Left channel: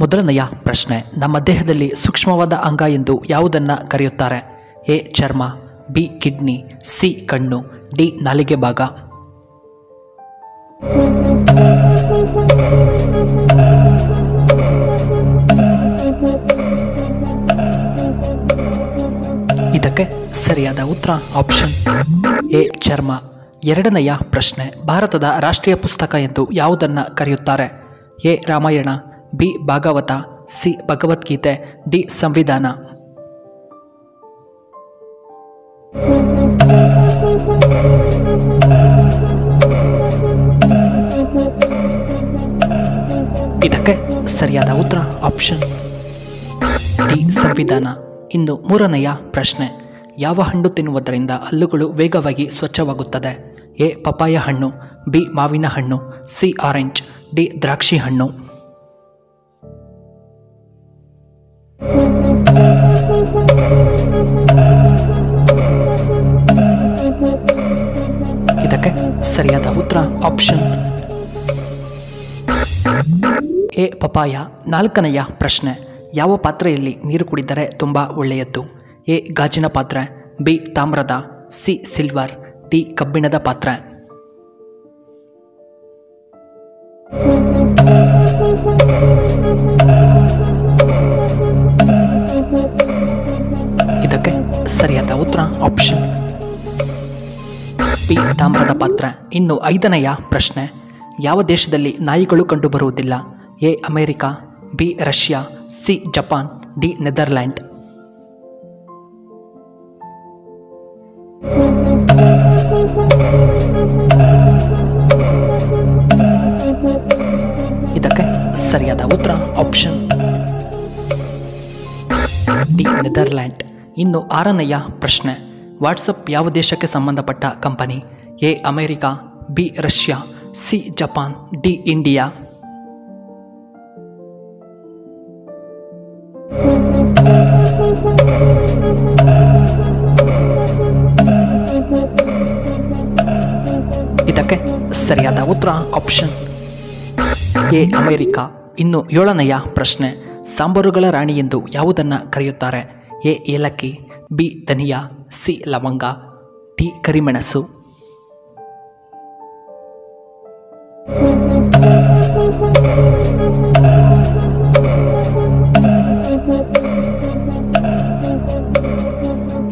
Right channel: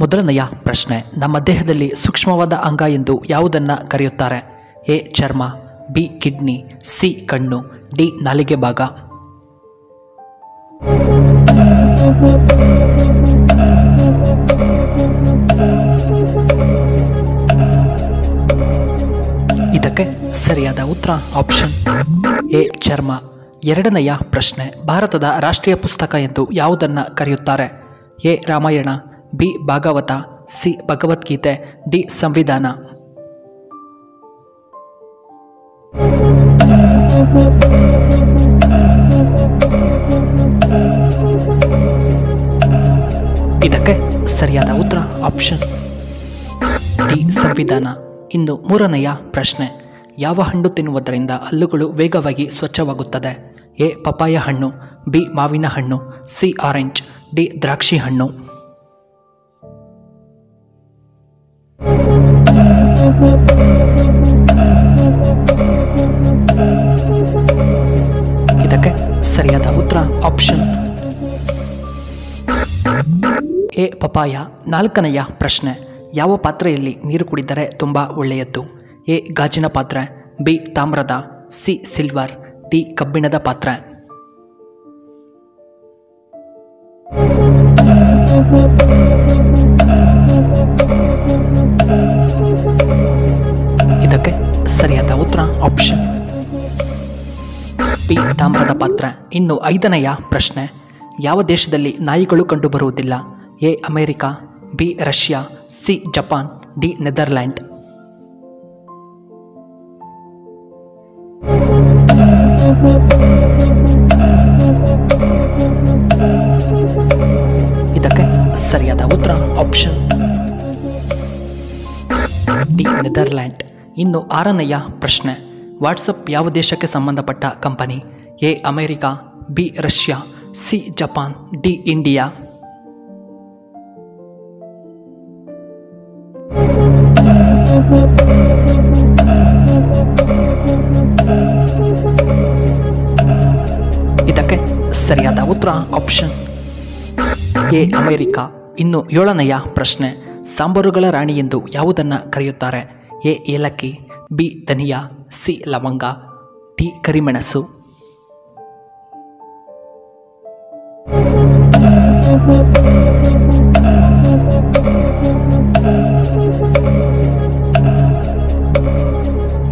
ಮೊದಲನೆಯ ಪ್ರಶ್ನೆ, ನಮ್ಮ ದೇಹದಲ್ಲಿ ಸೂಕ್ಷ್ಮವಾದ ಅಂಗ ಎಂದು ಯಾವುದನ್ನು ಕರೆಯುತ್ತಾರೆ? ಎ ಚರ್ಮ, ಬಿ ಕಿಡ್ನಿ, ಸಿ ಕಣ್ಣು, ಡಿ ನಾಲಿಗೆ ಭಾಗ. ಇದಕ್ಕೆ ಸರಿಯಾದ ಉತ್ತರ ಆಪ್ಷನ್ ಎ ಚರ್ಮ. ಎರಡನೆಯ ಪ್ರಶ್ನೆ, ಭಾರತದ ರಾಷ್ಟ್ರೀಯ ಪುಸ್ತಕ ಎಂದು ಯಾವುದನ್ನು ಕರೆಯುತ್ತಾರೆ? A Ramayana, B Bhagavata, C Bhagavadgita, D ಸಂವಿಧಾನ. ಇದಕ್ಕೆ ಸರಿಯಾದ ಉತ್ತರ ಆಪ್ಷನ್ ಡಿ ಸಂವಿಧಾನ. ಇನ್ನು ಮೂರನೆಯ ಪ್ರಶ್ನೆ, ಯಾವ ಹಣ್ಣು ತಿನ್ನುವುದರಿಂದ ಹಲ್ಲುಗಳು ವೇಗವಾಗಿ ಸ್ವಚ್ಛವಾಗುತ್ತದೆ? ಎ ಪಪಾಯ ಹಣ್ಣು, ಬಿ ಮಾವಿನ ಹಣ್ಣು, ಸಿ ಆರೆಂಜ್, ಡಿ ದ್ರಾಕ್ಷಿ ಹಣ್ಣು. ಇದಕ್ಕೆ ಸರಿಯಾದ ಉತ್ತರ ಆಪ್ಷನ್ ಎ ಪಪಾಯ. ನಾಲ್ಕನೆಯ ಪ್ರಶ್ನೆ, ಯಾವ ಪಾತ್ರೆಯಲ್ಲಿ ನೀರು ಕುಡಿದರೆ ತುಂಬ ಒಳ್ಳೆಯದ್ದು? ಎ ಗಾಜಿನ ಪಾತ್ರೆ, ಬಿ ತಾಮ್ರದ, ಸಿ ಸಿಲ್ವರ್, ಡಿ ಕಬ್ಬಿಣದ ಪಾತ್ರೆ. ಇದಕ್ಕೆ ಸರಿಯಾದ ಉತ್ತರ ಆಪ್ಷನ್ ಬಿ ತಾಮ್ರದ ಪಾತ್ರೆ. ಇನ್ನು ಐದನೆಯ ಪ್ರಶ್ನೆ, ಯಾವ ದೇಶದಲ್ಲಿ ನಾಯಿಗಳು ಕಂಡುಬರುವುದಿಲ್ಲ? A America, B Russia, C Japan, D Netherland. ಇದಕ್ಕೆ ಸರಿಯಾದ ಉತ್ತರ ಆಪ್ಷನ್ ಡಿ ನೆದರ್ಲ್ಯಾಂಡ್. ಇನ್ನು ಆರನೆಯ ಪ್ರಶ್ನೆ, ವಾಟ್ಸಪ್ ಯಾವ ದೇಶಕ್ಕೆ ಸಂಬಂಧಪಟ್ಟ company? A America, B Russia, C Japan, D India. ಇದಕ್ಕೆ ಸರಿಯಾದ ಉತ್ತರ ಆಪ್ಷನ್ ಎ ಅಮೆರಿಕ. ಇನ್ನು ಏಳನೆಯ ಪ್ರಶ್ನೆ, ಸಾಂಬಾರುಗಳ ರಾಣಿ ಎಂದು ಯಾವುದನ್ನು ಕರೆಯುತ್ತಾರೆ? ಎ ಏಲಕ್ಕಿ, ಬಿ ಧನಿಯಾ, ಸಿ ಲವಂಗ, ಡಿ ಕರಿಮೆಣಸು.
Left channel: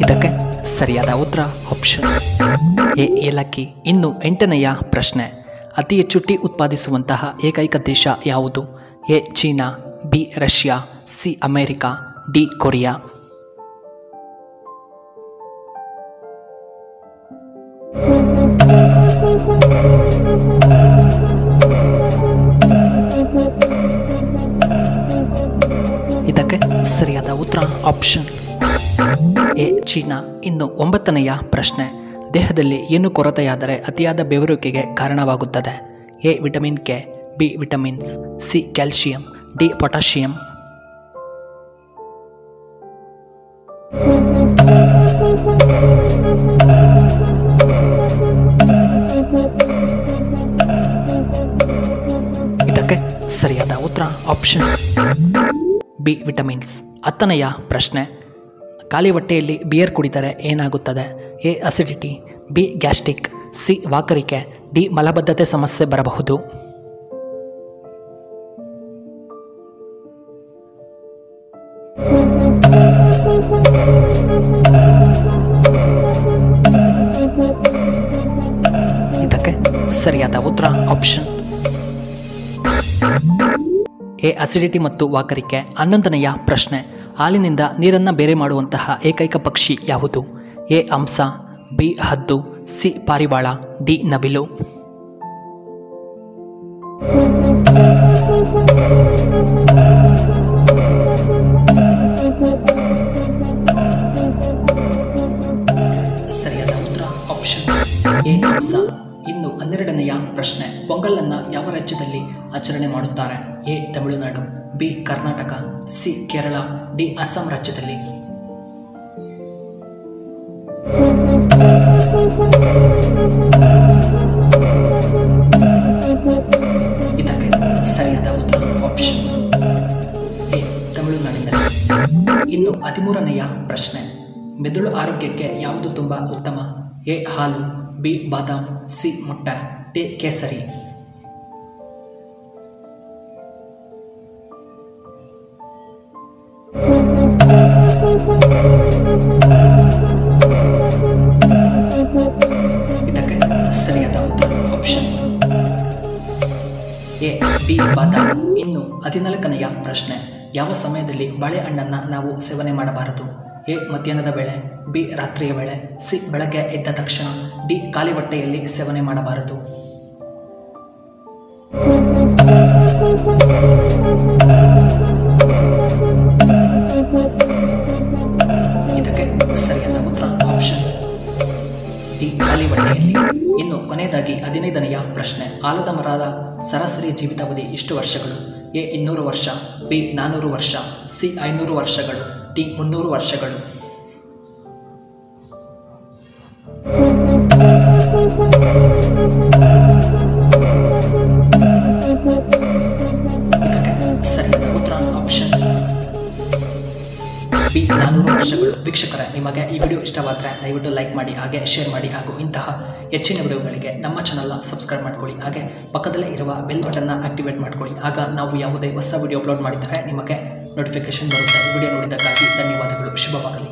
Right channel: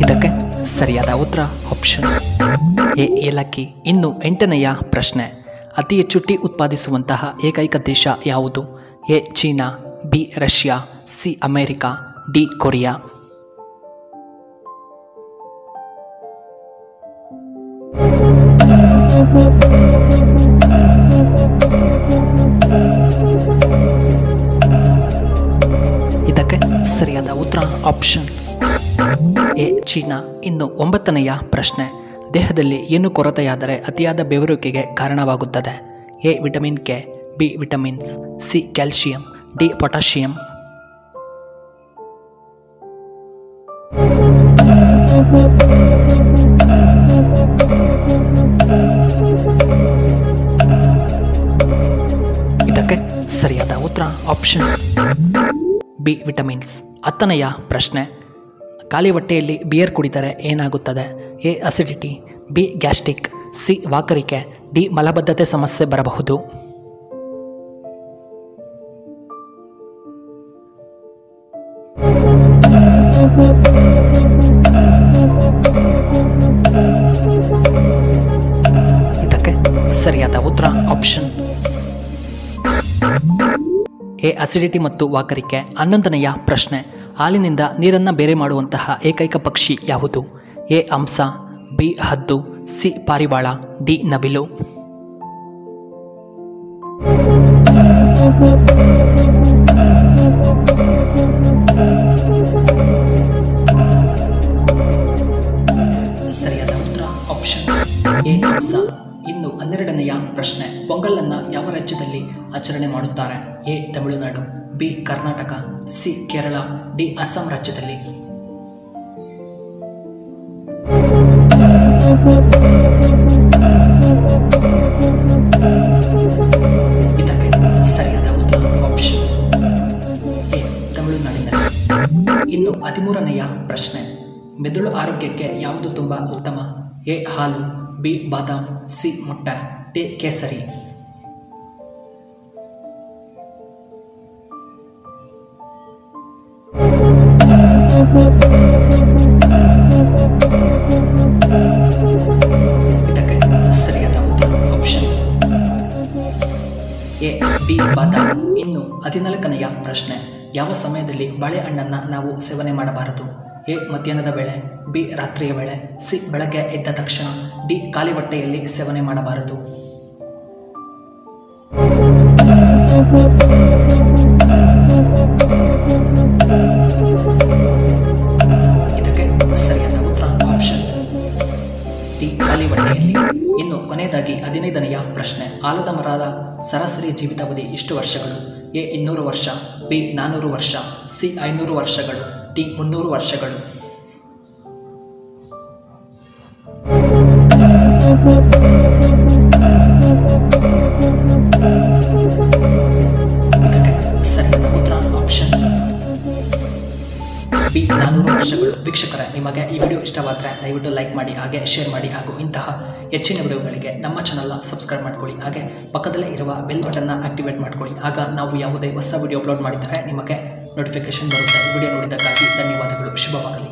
ಇದಕ್ಕೆ ಸರಿಯಾದ ಉತ್ತರ ಆಪ್ಷನ್ ಎ ಏಲಕ್ಕಿ. ಇನ್ನು ಎಂಟನೆಯ ಪ್ರಶ್ನೆ, ಅತಿ ಹೆಚ್ಚು ಟೀ ಉತ್ಪಾದಿಸುವಂತಹ ಏಕೈಕ ದೇಶ ಯಾವುದು? A China, B Russia, C America, D Korea. ಇದಕ್ಕೆ ಸರಿಯಾದ ಉತ್ತರ ಆಪ್ಷನ್ ಎ ಚೀನಾ. ಇನ್ನು ಒಂಬತ್ತನೆಯ ಪ್ರಶ್ನೆ, ದೇಹದಲ್ಲಿ ಏನು ಕೊರತೆಯಾದರೆ ಅತಿಯಾದ ಬೆವರುವಿಕೆಗೆ ಕಾರಣವಾಗುತ್ತದೆ? A vitamin K, B vitamins, C calcium, D potassium. ಇದಕ್ಕೆ ಸರಿಯಾದ ಉತ್ತರ ಆಪ್ಷನ್ ಬಿ ವಿಟಮಿನ್ಸ್. ಹತ್ತನೆಯ ಪ್ರಶ್ನೆ, ಖಾಲಿ ಹೊಟ್ಟೆಯಲ್ಲಿ ಬಿಯರ್ ಕುಡಿದರೆ ಏನಾಗುತ್ತದೆ? A acidity, B gastric, C ವಾಕರಿಕೆ, ಡಿ ಮಲಬದ್ಧತೆ ಸಮಸ್ಯೆ ಬರಬಹುದು. ಇದಕ್ಕೆ ಸರಿಯಾದ ಉತ್ತರ ಆಪ್ಷನ್ ಎ ಅಸಿಡಿಟಿ ಮತ್ತು ವಾಕರಿಕೆ. 11ನೆಯ ಪ್ರಶ್ನೆ, ಹಾಲಿನಿಂದ ನೀರನ್ನು ಬೇರೆ ಮಾಡುವಂತಹ ಏಕೈಕ ಪಕ್ಷಿ ಯಾವುದು? ಎ ಹಂಸ, ಬಿ ಹದ್ದು, ಸಿ ಪಾರಿವಾಳ, ಡಿ ನವಿಲು. ಸರಿಯಾದ ಉತ್ತರ ಆಪ್ಷನ್ ಎ ಹಂಸ. ಇನ್ನು 12ನೆಯ ಪ್ರಶ್ನೆ, ಪೊಂಗಲನ್ನು ಯಾವ ರಾಜ್ಯದಲ್ಲಿ ಆಚರಣೆ ಮಾಡುತ್ತಾರೆ? A Tamil Nadu, B Karnataka, C Kerala, D Assam ರಾಜ್ಯದಲ್ಲಿ. ಇದಕ್ಕೆ ಸರಿಯಾದ ಉತ್ತರ ಆಪ್ಷನ್ ತಮಿಳುನಾಡಿನಲ್ಲಿ. ಇನ್ನು 13ನೆಯ ಪ್ರಶ್ನೆ, ಮೆದುಳು ಆರೋಗ್ಯಕ್ಕೆ ಯಾವುದು ತುಂಬ ಉತ್ತಮ? ಎ ಹಾಲು, ಬಿ ಬಾದಾಮ್, ಸಿ ಮೊಟ್ಟೆ, ಡಿ ಕೇಸರಿ. ಇದಕ್ಕೆ ಸರಿಯಾದ ಉತ್ತರ ಆಪ್ಷನ್ ಎ ಬಿ ಬಾದಾಮ್. ಇನ್ನು 14ನೆಯ ಪ್ರಶ್ನೆ, ಯಾವ ಸಮಯದಲ್ಲಿ ಬಾಳೆಹಣ್ಣನ್ನು ನಾವು ಸೇವನೆ ಮಾಡಬಾರದು? ಎ ಮಧ್ಯಾಹ್ನದ ವೇಳೆ, ಬಿ ರಾತ್ರಿಯ ವೇಳೆ, ಸಿ ಬೆಳಗ್ಗೆ ಎದ್ದ ತಕ್ಷಣ, ಡಿ ಖಾಲಿ ಹೊಟ್ಟೆಯಲ್ಲಿ ಸೇವನೆ ಮಾಡಬಾರದು. ಇದಕ್ಕೆ ಸರಿಯಾದ ಉತ್ತರ ಆಪ್ಷನ್ ಡಿ ಖಾಲಿ ಹೊಟ್ಟೆಯಲ್ಲಿ. ಇನ್ನು ಕೊನೆಯದಾಗಿ 15ನೆಯ ಪ್ರಶ್ನೆ, ಆಲದ ಮರದ ಸರಾಸರಿ ಜೀವಿತಾವಧಿ ಎಷ್ಟು ವರ್ಷಗಳು? ಎ 200 ವರ್ಷ, ಬಿ 400 ವರ್ಷ, ಸಿ 500 ವರ್ಷಗಳು, ಡಿ 300 ವರ್ಷಗಳು. ಇದಕ್ಕೆ ಸರಿಯಾದ ಉತ್ತರ ಆಪ್ಷನ್ ಬಿ 400 ವರ್ಷಗಳು. ವೀಕ್ಷಕರೇ, ನಿಮಗೆ ಈ ವಿಡಿಯೋ ಇಷ್ಟವಾದರೆ ದಯವಿಟ್ಟು ಲೈಕ್ ಮಾಡಿ, ಹಾಗೆ ಶೇರ್ ಮಾಡಿ, ಹಾಗೂ ಇಂತಹ ಹೆಚ್ಚಿನ ವಿಡಿಯೋಗಳಿಗೆ ನಮ್ಮ ಚಾನಲ್ನ ಸಬ್ಸ್ಕ್ರೈಬ್ ಮಾಡ್ಕೊಳ್ಳಿ. ಹಾಗೆ ಪಕ್ಕದಲ್ಲೇ ಇರುವ ಬೆಲ್ ಬಟನ್ನ ಆಕ್ಟಿವೇಟ್ ಮಾಡ್ಕೊಳ್ಳಿ. ಆಗ ನಾವು ಯಾವುದೇ ಹೊಸ ವಿಡಿಯೋ ಅಪ್ಲೋಡ್ ಮಾಡಿದರೆ ನಿಮಗೆ ನೋಟಿಫಿಕೇಶನ್ ಬರುತ್ತೆ. ವಿಡಿಯೋ ನೋಡಿದ್ದಕ್ಕಾಗಿ ಧನ್ಯವಾದಗಳು. ಶುಭವಾಗಲಿ.